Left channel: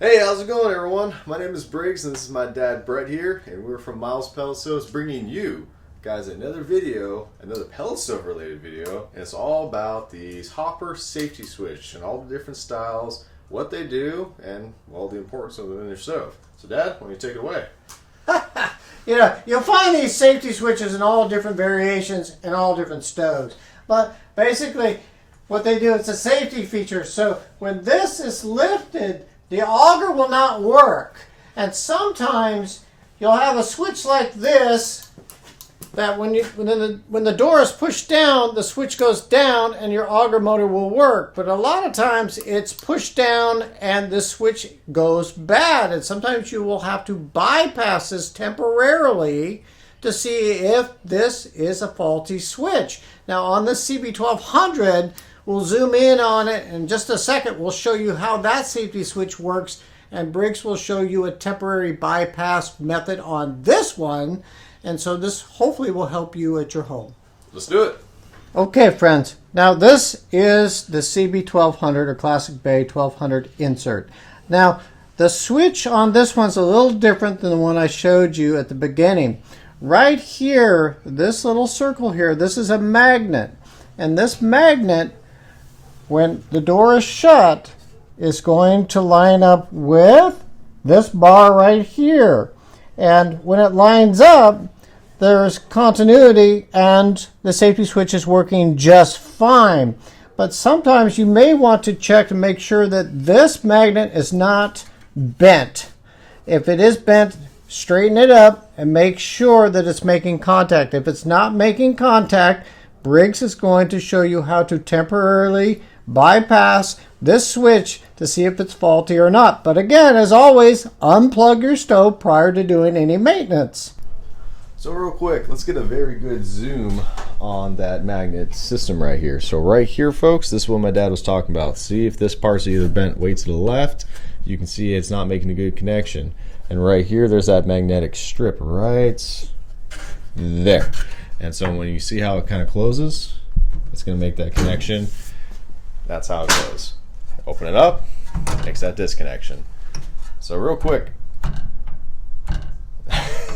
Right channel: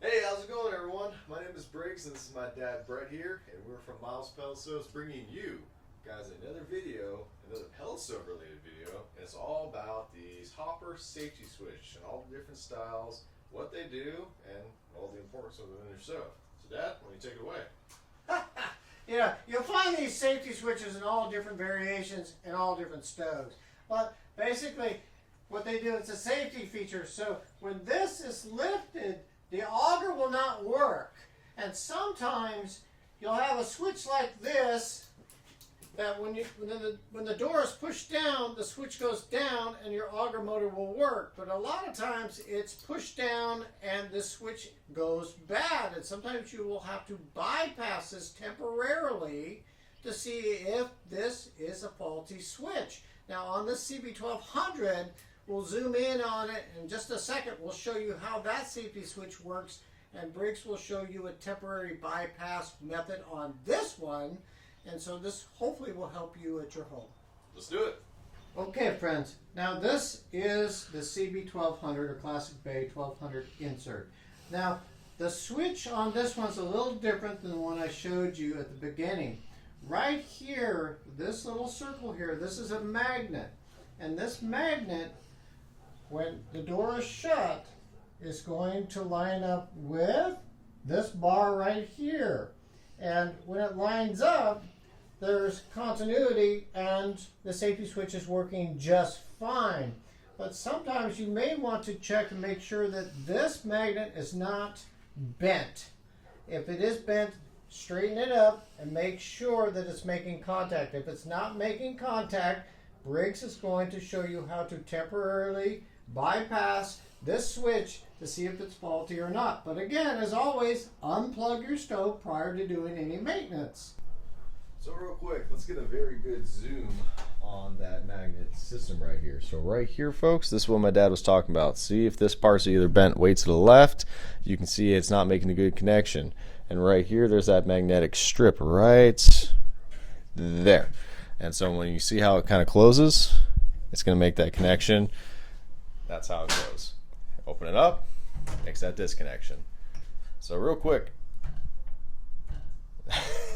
Hey, how's it going, everyone? My name is Briggs, and this is my dad, Brett, here, and we're from Miles Pellet Stoves, bringing you guys another video, another pellet stove related video, and it's all about these hopper safety switch and all the different styles, what they do, and well, the importance of them in your stove. So, Dad, why don't you take it away? You'll find these safety switches in all different variations in all different stoves. But basically, what they do, it's a safety feature. So when this is lifted, the auger will not work. And sometimes you'll have a switch like this that when the door is pushed down, the switch goes down and your auger motor will work. But a lot of times it's pushed down and the switch goes bad. And sometimes you will have to bypass this temporarily to see if this is a faulty switch. Now on this CB1200, we'll zoom in on it in just a second. We'll show you how that safety switch works, and Briggs will show you a temporary bypass method on this one. And so this hopefully will help you at your home. Let's do it. Okay, friends. Now this is the CB1200 or Classic Bay 1200 insert. Now the switch on this one's a little different than the one I showed you at the beginning. Right here, this little circle here, this is a magnet. And this magnet, when the door is shut, is going to line up with this bar right here. And when it lines up, there's continuity and the safety switch is working just fine. But sometimes you may want to check to make sure that this magnet is not bent. If it is bent, straighten it up and make sure that it's making contact. If it's not making contact, Briggs is going to show you how to temporarily bypass this switch to see if it's faulty or not. But again, as always, unplug your stove prior to doing any maintenance. So real quick, let's get a very good zoom on that magnet system right here. So right here, folks, this is what my dad was talking about. See if this part's either bent way to the left. You can see it's not making a good connection. And right here, there's that magnetic strip right there. And so when you see how it kind of closes, it's going to make that connection. That's how it goes. Open it up, makes that disconnection. So real quick,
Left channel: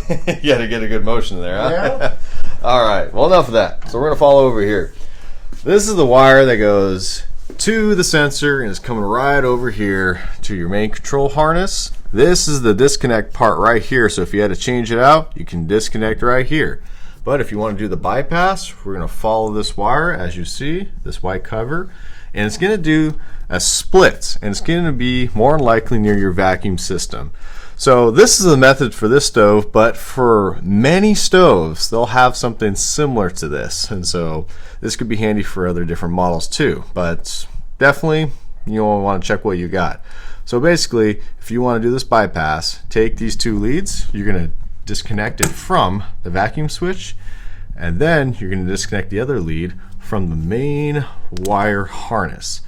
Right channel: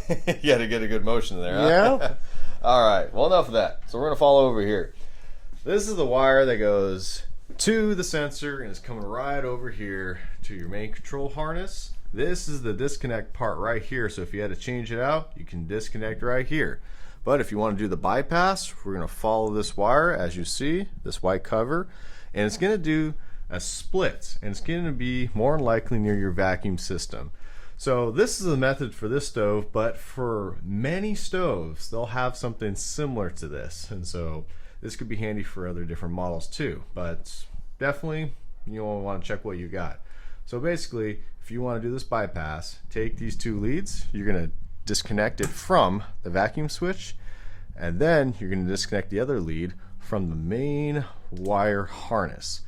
you got to get a good motion there, huh? Yeah. All right, well, enough of that. So we're going to follow over here. This is the wire that goes to the sensor and is coming right over here to your main control harness. This is the disconnect part right here. So if you had to change it out, you can disconnect right here. But if you want to do the bypass, we're going to follow this wire, as you see, this white cover, and it's going to do a split, and it's going to be more likely near your vacuum system. So this is the method for this stove, but for many stoves, they'll have something similar to this, and so this could be handy for other different models too, but definitely you'll want to check what you got. So basically, if you want to do this bypass, take these two leads, you're going to disconnect it from the vacuum switch, and then you're going to disconnect the other lead from the main wire harness.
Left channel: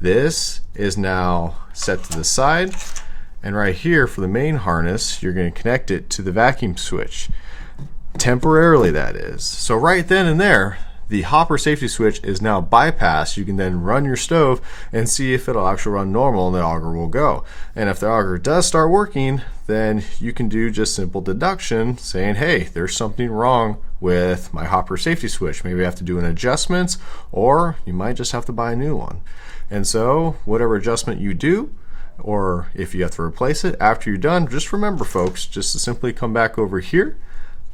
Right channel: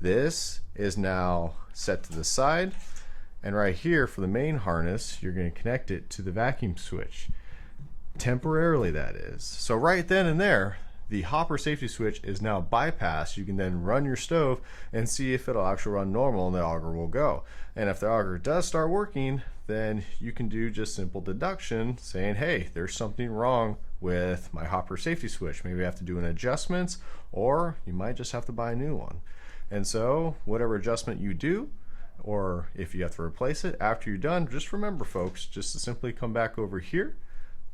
This is now set to the side, and right here for the main harness, you're going to connect it to the vacuum switch. Temporarily, that is. So right then and there, the hopper safety switch is now bypassed. You can then run your stove and see if it'll actually run normal and the auger will go. And if the auger does start working, then you can do just simple deduction saying, hey, there's something wrong with my hopper safety switch. Maybe I have to do an adjustment, or you might just have to buy a new one. And so whatever adjustment you do, or if you have to replace it, after you're done, just remember, folks, just to simply come back over here,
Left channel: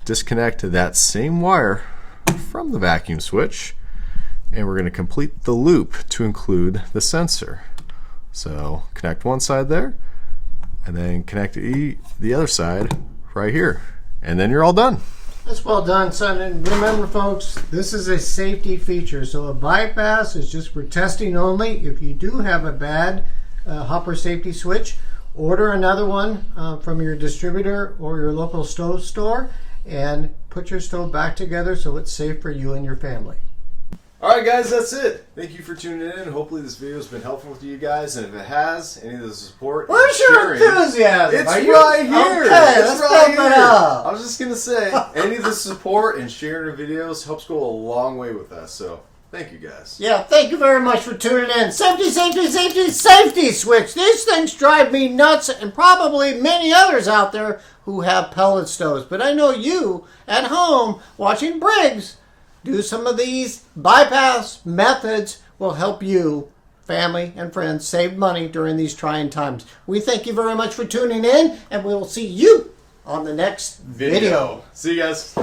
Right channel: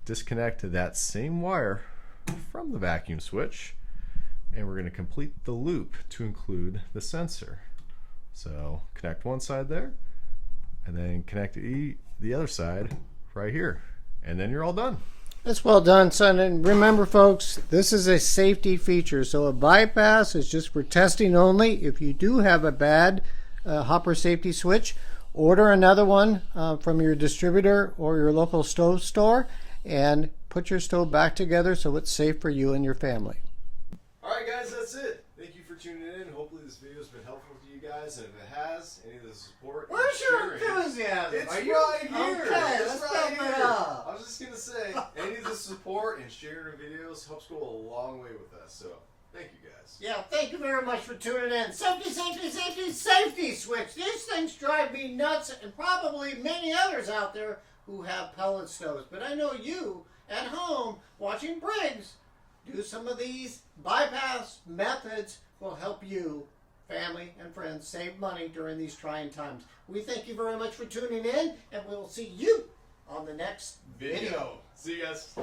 disconnect that same wire from the vacuum switch, and we're going to complete the loop to include the sensor. So connect one side there, and then connect the other side right here, and then you're all done. That's well done, son. And remember, folks, this is a safety feature. So a bypass is just for testing only. If you do have a bad hopper safety switch, order another one from your distributor or your local stove store and put your stove back together so it's safe for you and your family. Alright guys, that's it. Thank you for tuning in. Hopefully this video has been helpful with you guys, and if it has, any of the support, where's your enthusiasm? It's right here. Okay, it's let's right pump it up. I was just going to say, any of the support and sharing the videos helps go a long way with us. So Thank you, guys. Yeah, thank you very much for tuning in. Safety, safety, safety, safety switch. These things drive me nuts, and probably many others out there who have pellet stoves. But I know you at home watching Briggs do some of these bypass methods will help you, family and friends, save money during these trying times. We thank you very much for tuning in, and we will see you on the next video. See you guys.